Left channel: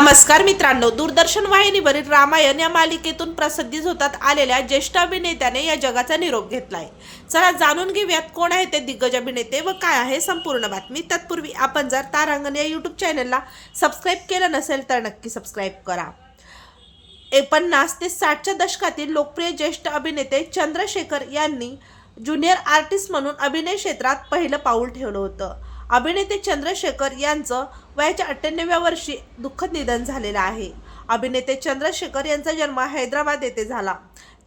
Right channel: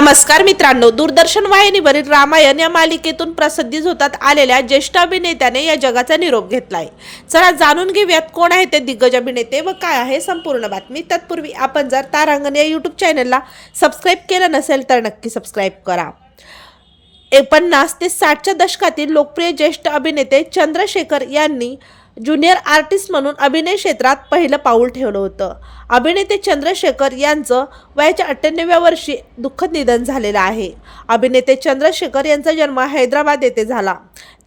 नमस्कार मित्रांनो दूरदर्शन वाहिनीवरील रामायण या मालिकेतून प्रसिद्धी होतात आलेल्या ज्येष्ठ अभिनेत्याने या जगाचा निरोप घेतलाय. चला जाणून घेऊयात कोण आहे ते दिग्गज अभिनेते व काय आहे संपूर्ण बातमी. तत्पूर्वी आपण जर तारांगण या यूट्यूब चॅनलला सबस्क्राईब केलं नसेल तर नक्की सबस्क्राईब करा. पन्नास ते साठच्या दशकातील लोकप्रिय ज्येष्ठ अभिनेते चंद्रशेखर यांनी ज्युनियर आर्टिस्ट म्हणून अभिनय क्षेत्रात पहिलं पाऊल ठेवलं होतं. अभिनेते चंद्रशेखर यांचं वयाच्या अठ्ठ्याण्णव्या वर्षी दुःखद निधन झालेलं आहे. अभिनेते चंद्रशेखर यांचा जन्म हैदराबाद येथे झाला.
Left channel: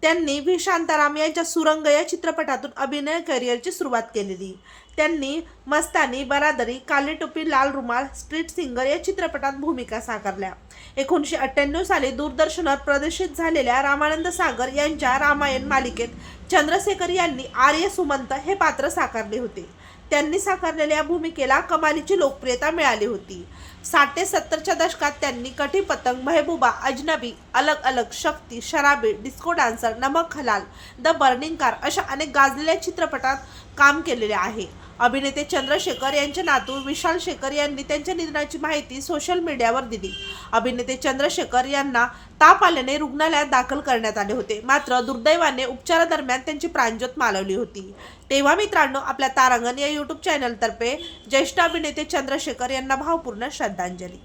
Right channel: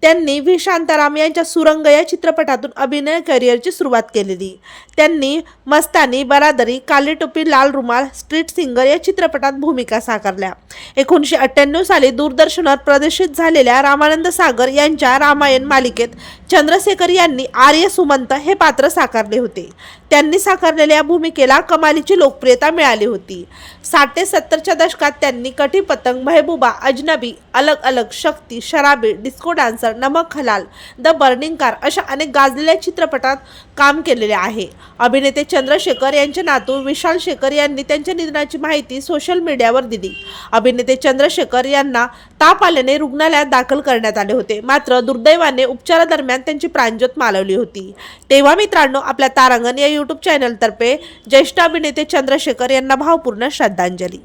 त्यांनी व्ही शांताराम यांच्या सुरंग या चित्रपटातून अभिनय करिअरची सुरुवात केलेली. त्यांनी मस्तानी बरादरी काली टोपी लाल रुमाल स्ट्रीट सिंगर या चित्रपटात भूमिका साकारल्या. एकोणीसशे अठ्ठ्याण्णव साली दूरदर्शनवर प्रदर्शित झालेल्या रामानंद सागर यांच्या रामायण मालिकेत चंद्रशेखर यांनी आर्य सुमंत हे पात्र साकारले होते. त्यांनी साकारलेल्या या भूमिकेला कमालीची लोकप्रियता मिळाली होती. साठ ते सत्तरच्या दशकात त्यांनी कठी पतंग महबूबा अजनबी अलग अलग शक्ती शराबी डिस्को डान्सर नमक हलाल द बर्निंग कार अशा अनेक गाजलेल्या चित्रपटात काम केलेले आहे. अभिनेते चंद्रशेखर यांचे नातू विशाल शेखर यांनी त्यांच्या निधनाची माहिती सोशल मीडियावर दिली. अभिनेते चंद्रशेखर यांना ताप आल्याने रुग्णालयात दाखल करण्यात आले होते. मात्र दुर्दैवाने उपचारादरम्यान त्यांची प्राणज्योत मालवली होती. तेव्हा मित्रांनो आपल्या तारांगण या यूट्यूब चॅनलतर्फे ज्येष्ठ अभिनेते चंद्रशेखर यांना भावपूर्ण श्रद्धांजली.